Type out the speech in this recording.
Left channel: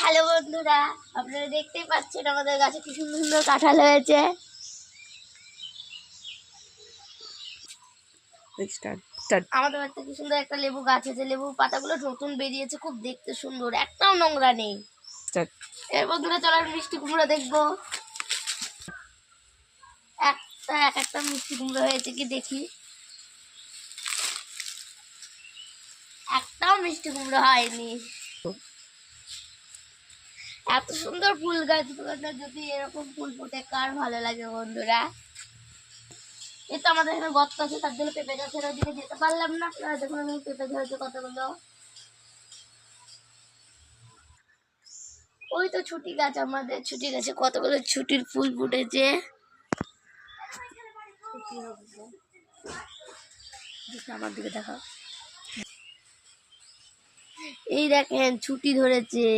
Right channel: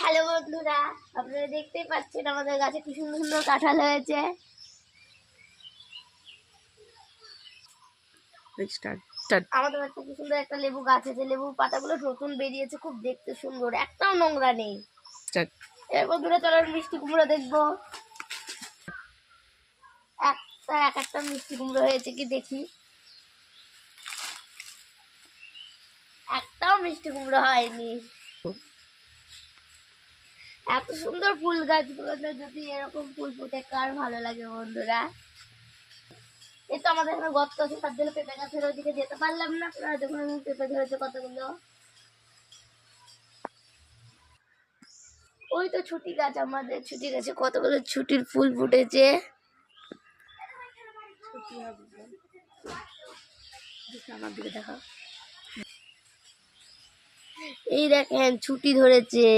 Hello বন্ধুরা, আপনারা দেখতেই পাচ্ছেন আমাদের গাছে কি সুন্দর সুন্দর কাঁঠাল হয়েছে। আমাদের বাড়িতে কি সুন্দর একটা লেবু গাছ আছে, লেবুর পাতাগুলো নতুন বেরিয়েছে, খুব দেখতে সুন্দর, একটাও নোংরা নেই। এর বন্ধুরা চলো মিষ্টি কুমড়ো দেখবো। একটা মিষ্টি কুমড়ো হয়েছে কি দেখি। একটাও মিষ্টি কুমড়ো হয়নি। এত সুন্দর ফুল গাছগুলোতে যদি এরকম ফুল ফুটে কার ভালো লাগে বন্ধুরা। এই তো আমাদের এখানে গর্ত আছে, তার জন্য পেঁপে গাছের ওইদিকে যেতে পারলাম না। দেখুন আমি পেঁপে ধরেছে কতগুলো। ওই তো ছুটি গাছ, আমাদের ছুটি গাছে কতগুলো ছুটির ফুল ফুটেছে। আমার দিকে দেখা, এই দেখেন ছুটি ধরেছে।